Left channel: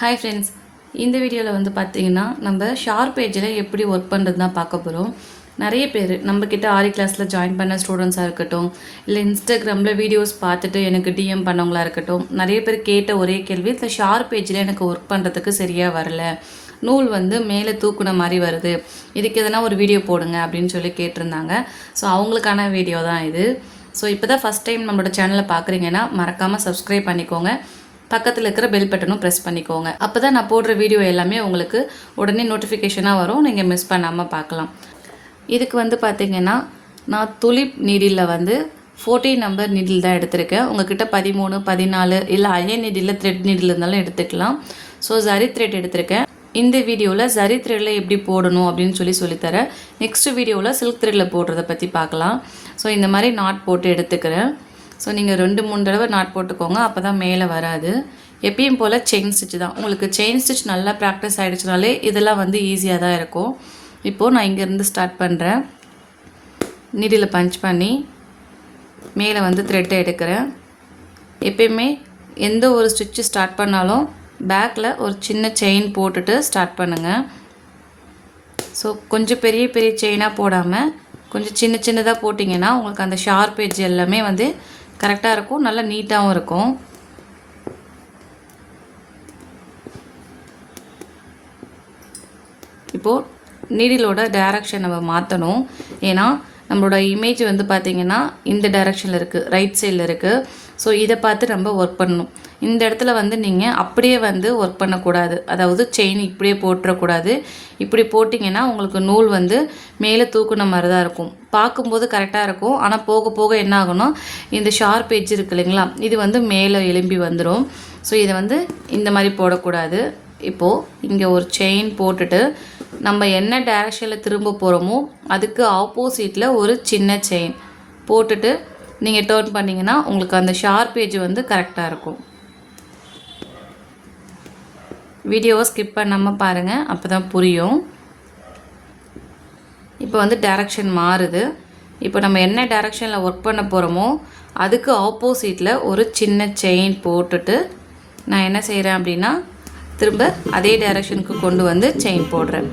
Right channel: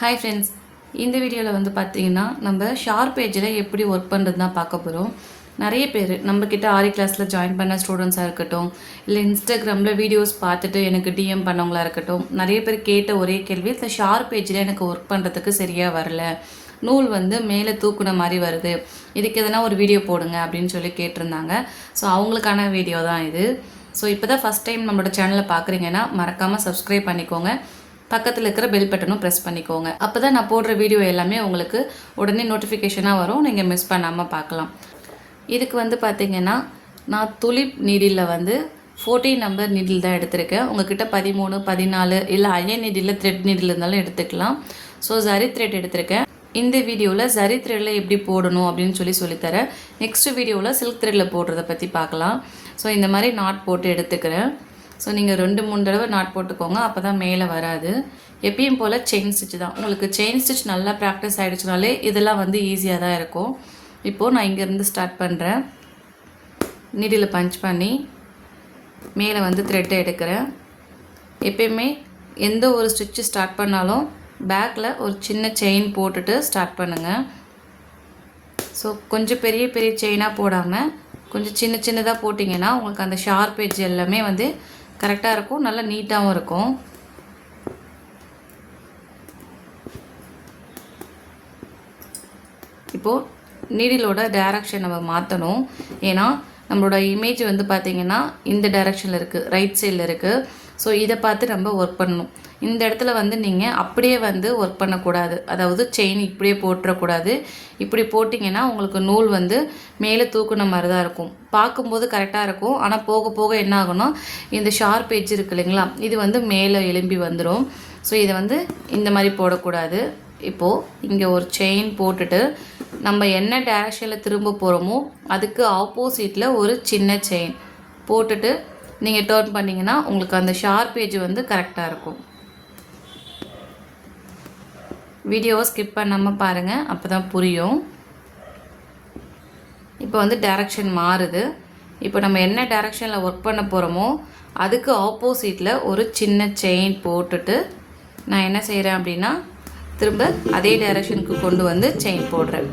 Hi friends, இந்த வீடியோவில் வந்து பார்த்தீங்கன்னா நம்ம ஷார்ப் பேஜில் எப்படி ஒர்க் பண்ணுறது தான் பார்க்க போகிறோம். நிறைய பேர் நம்மக்கிட்ட ஆரி கிளாஸில் ஜாயின் பண்ண ஸ்டூடெண்ட்ஸாக இருக்கட்டும், இல்லை இன்ஸ்டாகிராமில் வீடியோஸ் பார்த்துட்டு எனக்கு டிஎம் பண்ணவங்களா இருக்கட்டும், நிறைய பேர் கேட்ட ஒரே கேள்வி, இந்த ஷார்ப் பேஜில் எனக்கு ஒர்க் பண்ணுறதுக்கு சரியாக வரல, நூல் வந்து மேலே தூக்குன மாதிரி வருது, இதுக்கு எதனா ஒரு வீடியோ போடுங்க அப்படின்னு சொல்லி கேட்டிருந்தாங்க. ஸோ அவங்களுக்கான வீடியோ தான் இது. ஸோ இப்போ தான் ஃபஸ்ட் டைம் நம்மளோட சேனலை பார்க்குறீங்கன்னா மறக்காமல் சப்ஸ்கிரைப் பண்ணிக்கோங்க, பக்கத்தில் இருக்கிற பெல் பட்டனும் ப்ரெஸ் பண்ணிக்கோங்க. அப்போ தான் நான் போடுற வீடியோ எல்லாமே உங்களுக்கு உடனே நோட்டிஃபிகேஷனாக வரும், நீங்கள் மிஸ் பண்ணாமல் பார்க்கலாம். இதுக்கு வந்து பார்த்திங்கன்னா நான் துலிப் நீடிலில் வந்து 14 நம்பர் நீடில் தான் எடுத்திருக்கேன். உங்கள்கிட்ட 13, 14 இல்லை அயன் நீடிலில் த்ரெட் நீடில் இருந்தாலும் எடுத்துக்கலாம். ஸோ ஜரி த்ரெட் எடுத்திருக்கேன். இந்த வீடியோவில் ஜரி த்ரெட்டில் எப்படி போடணும் அப்படின்னு சொல்லித்தரேன். நெக்ஸ்ட் வீடியோவில் சில்க் த்ரெட்டில் போடுறத பற்றி பார்க்கலாம். ஸோ இந்த மாதிரி நாட் போட்டு எடுத்துக்கிறேன். ஸோ நீங்கள் 2-3 தடவை நாட் போட்டுக்கோங்க, அப்போ தான் மேலே வராது. எப்பயும் போல் செயின் ஸ்டிச் தான். உங்களுக்கு செயின் ஸ்டிச் நல்லா ப்ராக்டிஸ் ஆகிடுச்சுனாலே இதெல்லாம் வந்து ஈஸியாக தான் இருக்கும். இப்போது நான் இங்கேருந்து ஸ்டார்ட் பண்ணுறேன். நீடில் பஞ்ச் பண்ணி மேலே வந்து த்ரெட்டை எடுக்கிறேன். எப்பயுமே எந்த ஒரு ஸ்டிச்சு ஸ்டார்ட் பண்ணாலும் பேக்கில் ஒரு சின்ன செயின் போட்டுட்டு ஸ்டார்ட் பண்ணுங்கள். ஸோ கொஞ்சம் பெரிய பெரிய செயினாக போடாமல் கொஞ்சம் சின்ன சின்னதாக போட்டிங்கன்னா உங்களுக்கு அந்த ஷார்ப் எட்ஜ் எல்லாமே வந்து கரெக்டாக இருக்கும், நல்லா நீட்டாகவும் இருக்கும். இப்போது நீடிலோட டைரக்ஷன் நம்ம மாற்றணும். ஏன்னா நம்மளோட இமேஜ் வந்து பார்த்திங்கன்னா இந்த டைரக்ஷனில் இருக்குது, ரைட் சைடில் இருக்குது. ஸோ இதை பார்த்து நம்ம ஒர்க் பண்ணணும். இந்த இடத்துல வந்து நீங்கள் அப்படியே வந்து ஒர்க் பண்ணக்கூடாது, அதாவது செயின் இப்படியே போட்டுறக்கூடாது. இப்படி போட்டிங்கன்னா உங்களுக்கு நூல் வந்து மேலே தூக்குன மாதிரி தான் இருக்கும். பார்க்கும்போது கரெக்டாக இருக்கும், ஆனால் போக போக என்ன ஆகும்னா இந்த ஷார்ப் எட்ஜ் இருக்குது இல்லைங்களா, இது வந்து மேலே எலும்பி வந்துடும். ஸோ இதை வந்து இந்த மாதிரி போடக்கூடாது. இப்போது இங்கே ஒரு செயின் போட்டுட்டு நம்ம என்ன டைரக்ஷனில் திரும்ப போகிறோமோ அதுக்கு ஆப்போசிட்டில் ஒரு சின்ன செயின் போட்டுட்டு நீங்கள் டர்ன் பண்ணிங்கன்னா உங்களுக்கு அந்த ஷார்ப் எட்ஜ் வந்து கரெக்டாக இருக்கும். வீடியோவை ஸ்கிப் பண்ணாமல் பாருங்கள், அப்போ தான் புரியும். இப்போ வந்து டைரக்ஷன் மாறுது. இப்போ நம்ம என்ன டைரக்ஷனில் ஒர்க் பண்ண போகிறோமோ அதுக்கு ஆப்போசிட்டில் ஒரு சின்ன செயின் போட்டுட்டு நான் என்ன செய்கிறேன் அப்படின்னா திரும்ப அதே டைரக்ஷனுக்கு கொண்டு வந்து செயின் போடுறேன்.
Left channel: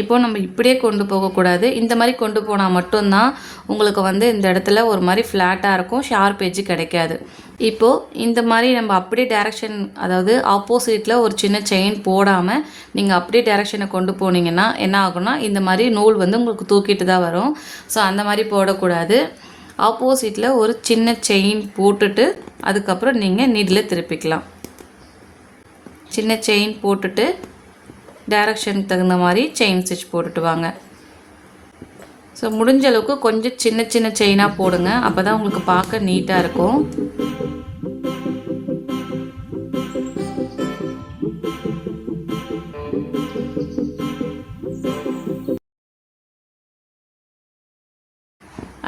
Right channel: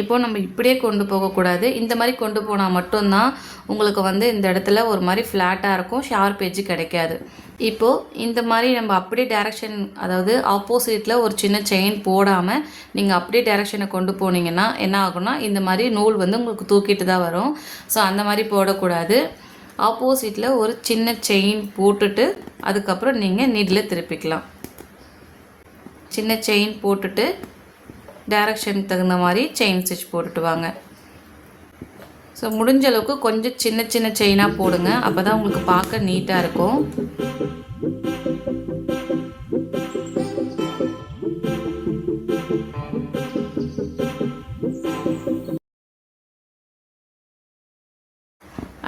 இப்போது நம்ம இப்படியே கொண்டு போகக்கூடாது, இந்த மாதிரி கொண்டு போனால் மட்டும்தான் உங்களுக்கு வந்து இந்த இடத்துல ஒரு மாதிரி ஃப்ளாட்டாக இருக்கும், ஷார்ப் எட்ஜ் கிடைக்காது. இப்போது இந்த மாதிரி நம்ம அப்படியே டைரக்ஷன், அதாவது ஆப்போசிட்டில் ஒரு சின்ன செயின் போடாமல் நீங்கள் அப்படியே டைரக்ஷனை கொண்டு போனீங்கன்னா என்ன ஆகும்னா இந்த மாதிரி நூல் வந்து உங்களுக்கு தூக்கிட்டு தான் வரும். ஸோ அந்த மாதிரி போடக்கூடாது. ஆப்போசிட்டில் ஒரு சின்ன செயின் போட்டுட்டு அதுக்கப்புறம் நீங்கள் நீடில் திருப்பிக்கலாம். சின்ன செயின் போட்டுட்டு டைரக்ஷனுக்கு தகுந்த மாதிரி செயின் ஸ்டிச் போட்டுட்டு வாங்க. ஸோ முடிஞ்ச அளவுக்கு கொஞ்சம் சின்ன சின்ன செயினாக போடுங்க, அப்போ தான் உங்களுக்கு பார்க்க நீட்டாக இருக்கும்.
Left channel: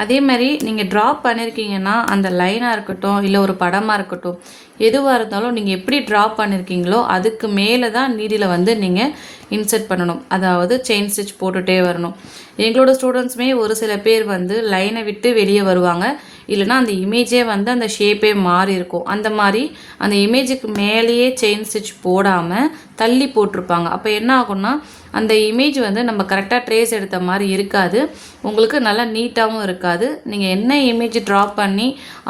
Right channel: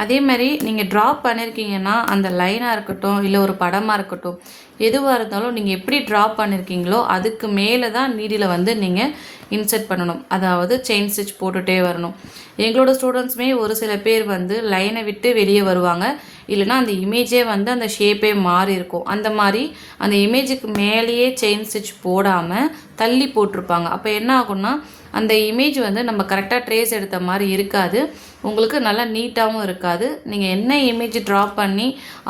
அதே மாதிரி நீங்கள் ட்ராப் பண்ணியிருக்கீங்கன்னா அந்த லைனாக இருக்கட்டும் இல்லை ஒரு படமாக இருக்கட்டும், எதுவாக இருந்தாலும் நீங்கள் எப்படி ட்ராப் பண்ணியிருக்கீங்களோ அதுக்கு மேலே தான் நீடில் வந்து நீங்கள் இன்சர்ட் பண்ணணும், அதாவது செயின் ஸ்டிச் போட்டுகிட்டே வரணும். எங்களோட ஸ்டூடெண்ட்ஸுமே ஒரு சில பேர் வந்து லைனை விட்டு வெளியே வருவாங்க, இல்லைனா அந்த இமேஜே வந்து அந்த ஷேப்பே மாறி இருக்கும். அந்த மாதிரி அந்த இமேஜுக்கு மேலேயே செயின் ஸ்டிச் போடாமல் தள்ளி போட்டிருப்பாங்க. அப்போ என்ன ஆகும்னா அந்த இமேஜ் வந்து நம்ம கரெக்டாக ட்ரேஸ் எடுத்த மாதிரி இருக்காது, உங்களுக்கு நல்லா நீட்டாகவும் இருக்காது. நீங்கள் என்ன இமேஜ் ட்ராப் பண்ணி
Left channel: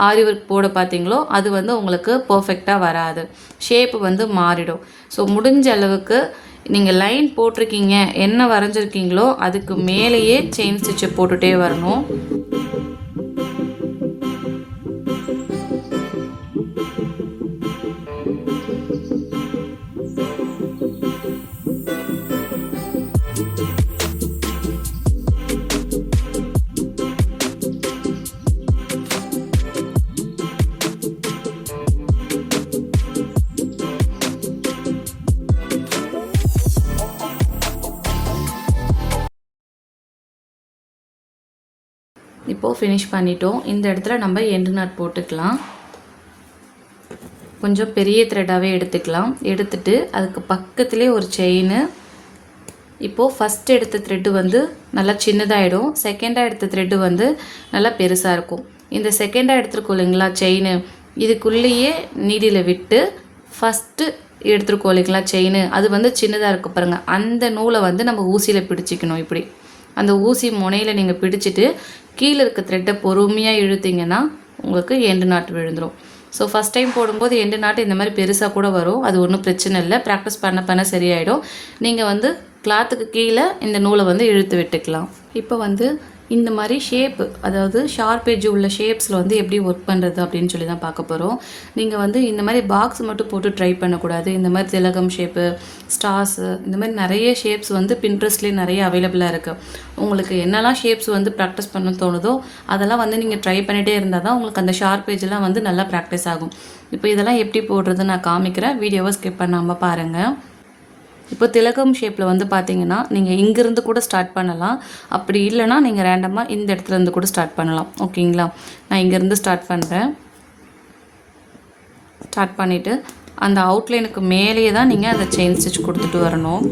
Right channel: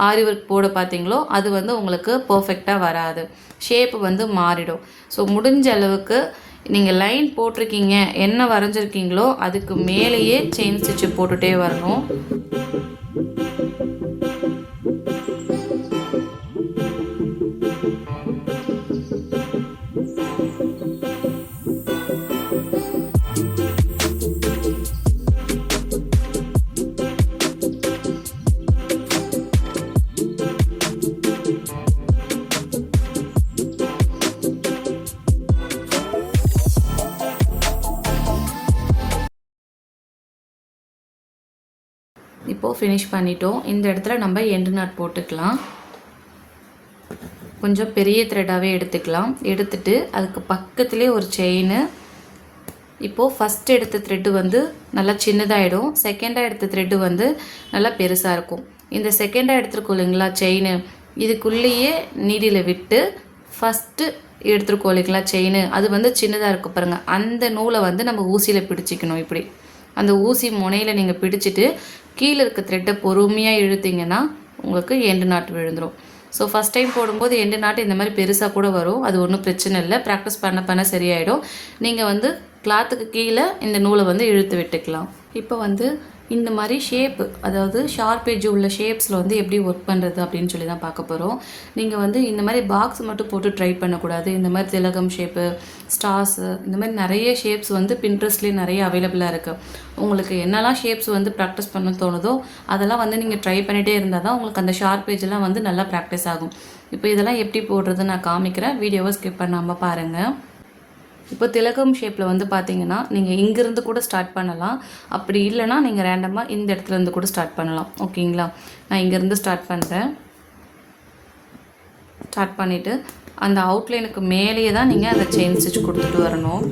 ஆரி ஒர்க் போட பார்த்தீங்களோ அது வந்து உங்களுக்கு பர்ஃபெக்டாக வராது, ஷேப்பு வந்து மாறிடும். ஸோ முடிஞ்ச அளவுக்கு நீங்கள் லைன் போட்டிருக்கீங்க, என்ன வரைஞ்சிருக்கீங்களோ அதுக்கு மேலேயே செயின் ஸ்டிச்சை போட்டுகிட்டே வரணும். இப்போது ஃபினிஷ் பண்ணிட்டோம். இந்த இடத்துல நம்ம எண்டு நாட் போட்டுக்கலாம். கொஞ்சம் பெரிய த்ரெட்டாகவே எடுத்துக்கலாம். எடுத்துட்டு அதுக்கு பக்கத்துலேயே ஒரு செயின் இப்போது ஃபஸ்ட் எடுத்த த்ரெட்டு வந்து நல்லா சின்னதாகிடும், செகண்டாக எடுத்த த்ரெட்டு வந்து நல்லா பெருசாக இருக்கும். இந்த செகண்டாக எடுத்துருக்கோம் இல்லைங்களா செயின், இதுக்குள்ளேயே நீடியில் விட்டு ஃபஸ்ட்டு எடுத்துருக்கோம் இல்லைங்களா செயின், அது வந்து சின்னதாக இருக்க பாருங்கள், அந்த நூலை வந்து நம்ம ஊசியில் பிடிச்சிக்கணும். இப்படி அந்த ஊசி முனையில் நீங்கள் பிடிச்சிட்டு கீழே இருக்க த்ரெட்டை பொறுமையாக இழுத்தீங்கன்னா உங்களுக்கு எண்டு நாட்டு விழுந்துடும். ஸோ ஃபஸ்ட் டைம் போடும்போது எண்டு நாட்டு இந்த மாதிரி பெருசாக கூட வரும், அது ஒன்றும் பிரச்சனை இல்லை, ப்ராக்டிஸ் பண்ண பண்ண சரியாயிடும். நீங்கள் வந்து கிளாத்துக்கு கீழே இந்த நூலை வந்து இழுத்து விட்டுக்கலாம். இப்போ வந்து இந்த மாதிரி ஷேப்பு, அதாவது ஷார்ப் எட்ஜ் உள்ள ஷேப்ஸில் வந்து எப்படி ஒர்க் பண்ணுறது அப்படின்னு சொல்லி தான் பார்க்க போகிறோம். நீங்கள் வந்து இந்த மாதிரி பாக்ஸ் மட்டும் போட்டு ட்ரை பண்ணக்கூடாது. இந்த மாதிரி திலகம் ஷேப்பு, ஸ்டார்ஸு, இந்த மாதிரி நிறைய ஷேப்ஸ் வந்து பின்ட்ரெஸ்ட்லேயே நிறைய அவைலபிளாக இருக்குது. உங்களுக்கு என்னெல்லாம் ஷேப்ஸ் வந்து ப்ராக்டிஸ் பண்ண தோணுதோ அதெல்லாம் வந்து நீங்கள் ட்ரை பண்ணிகிட்டே இருந்தால் தான் உங்களுக்கு அந்த ஷார்ப் எட்ஜெலாம் வந்து நல்லா ப்ராக்டிஸ் ஆகும். இப்போ இதெல்லாம் எப்படி போடுறது நான் காமிக்கிறேன், வீடியோவை ஸ்கிப் பண்ணாமல் பாருங்கள். இப்போ திலகம் ஷேப்பில் வந்து பார்த்தீங்கன்னா நீங்கள் இங்கேருந்து கூட ஸ்டார்ட் பண்ணலாம், அப்படி இல்லைனா நீங்கள் ரேண்டமாக இந்த இடத்துலேருந்து கூட ஸ்டார்ட் பண்ணலாம். ஓகேங்களா, நான் இங்கேருந்து ஸ்டார்ட் பண்ணுறேன். ஸ்டார்ட் பண்ணிவிட்டு அந்த அவுட்லைனுக்கு மேலேயே தான் நீங்கள் அதை செயின் ஸ்டிச் கொடுத்துட்டு வரணும்.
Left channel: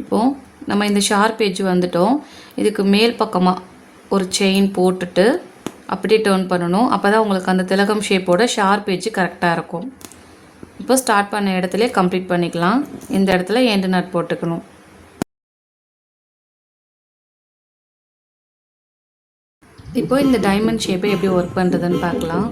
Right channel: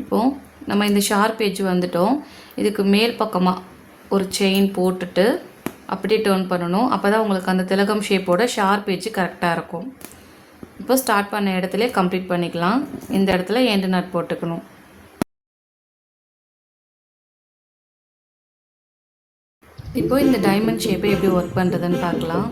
இப்போது நம்ம இந்த ஷார்ப் எட்ஜ் வந்துட்டோம், இதுக்கு மேல் பக்கமாக ஒரு செயின் போட்டுட்டு அப்படியே டர்ன் பண்ணணும். அப்போ தான் உங்களுக்கு அந்த திலகம் ஷேப்போட ஷார்ப் எட்ஜ் கரெக்டாக இருக்கும். இப்போ ஸ்டார்ட் பண்ண இடத்துல கம்ப்ளீட் பண்ணிக்கலாம். இந்த இடத்துல எண்டு நாட் போட்டுக்கணும். இப்போ இந்த டைமண்ட் ஷேப்பை எப்படி ஒர்க் பண்ணுறதுன்னு பார்க்கலாம்.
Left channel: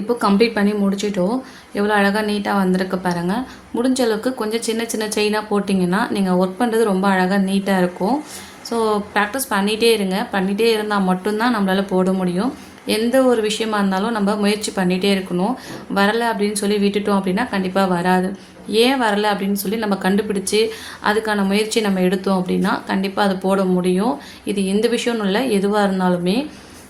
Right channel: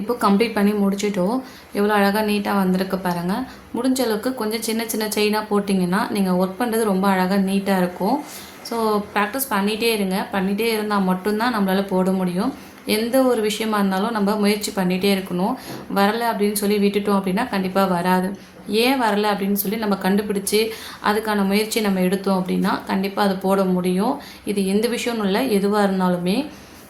இப்போ கம்ப்ளீட் பண்ணி முடிச்சிட்டோம். எவ்வளோ அழகாக நீட்டாக வந்திருக்கு பாருங்கள். முடிஞ்ச அளவுக்கு கொஞ்சம் சின்ன சின்ன செயினாக போட்டிங்கன்னா நீங்கள் ஒர்க் பண்ணுறது ரொம்ப அழகாக நீட்டாக இருக்கும். ஸோ ப்ராக்டிஸ் பண்ணிகிட்டே இருங்க, பண்ணிகிட்டே இருந்தால் மட்டும்தான் நம்மளால் போட முடியும். எந்த ஒரு விஷயமா இருந்தாலும் நம்ம முயற்சி பண்ணிகிட்டே இருக்கணும். வரலை அப்படின்னு சொல்லி விட்டுட்டோம் அப்படின்னா கண்டிப்பாக வராது. ஏன் வரலை அப்படின்னு சொல்லி நம்ம கண்டுபிடிச்சி அதுக்கான முயற்சி நம்ம எடுத்தோம் அப்படின்னா கண்டிப்பாக அது போட முடியும். இது எந்த விஷயம்னு இல்லை, எதுவாக இருந்தாலுமே.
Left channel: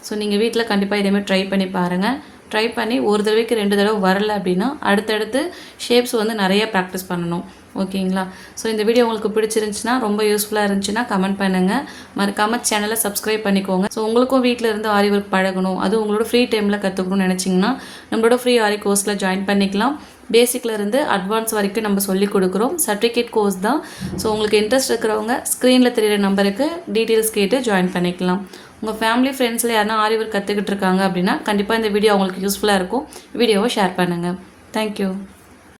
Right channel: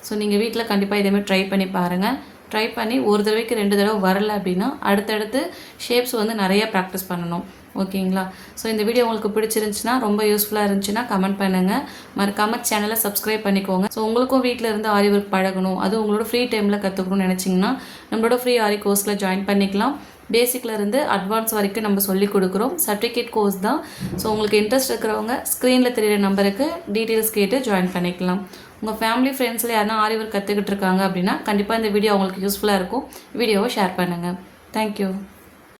ஸோ நீங்கள் வீட்டில் கண்டிப்பாக இதேமாதிரி ட்ரை பண்ணி பாருங்கள். ட்ரை பண்ணி ஒரு தடவைக்கு 2 தடவை வரலை அப்படின்னா அடுத்தடுத்து ஷேப்ஸ் வந்து நிறைய ப்ராக்டிஸ் பண்ணணும். ஓகேங்களா? ஸோ இந்த வீடியோ உங்களுக்கு பிடிச்சிருந்துச்சுன்னா, ரொம்ப யூஸ்ஃபுல்லாக இருந்துச்சுன்னா கமெண்ட் பண்ணுங்கள். மறக்காம சேனலை சப்ஸ்கிரைப் பண்ணிக்கோங்க. ஸோ உங்களுக்கும் வீட்டில் இருந்து ஆரி ஒர்க் பழகணும், அதுவும் உங்களோட ஃப்ரீ டைமில் கற்றுக்கணும்னு நினச்சிங்கன்னா நம்மளோட ஃப்ரீ ஆரி கோர்ஸில் ஜாயின் பண்ணிக்கலாம். பேசிக்ல இருந்து அட்வான்ஸ் வரைக்கும் நம்ம சொல்லி கொடுக்குறோம். சர்டிஃபிகேட் கோர்ஸ் தான். ஸோ உங்களுக்கு இன்ட்ரெஸ்ட் இருக்கிறவங்க ஸ்க்ரீனில் தெரியிற நம்பருக்கு டீட்டெயில்ஸ் கேட்டு ஜாயின் பண்ணிக்கலாம். உங்கள் ஃபேமிலி ஃப்ரெண்ட்ஸில் யாருன்னா ஆரி ஒர்க் கற்றுக்கிட்டு இருக்காங்க அப்படின்னா கண்டிப்பாக இந்த வீடியோ அவங்களுக்கு யூஸ்ஃபுல்லாக இருக்கும். வீடியோவை ஷேர் பண்ணுங்கள். தேங்க்யூ.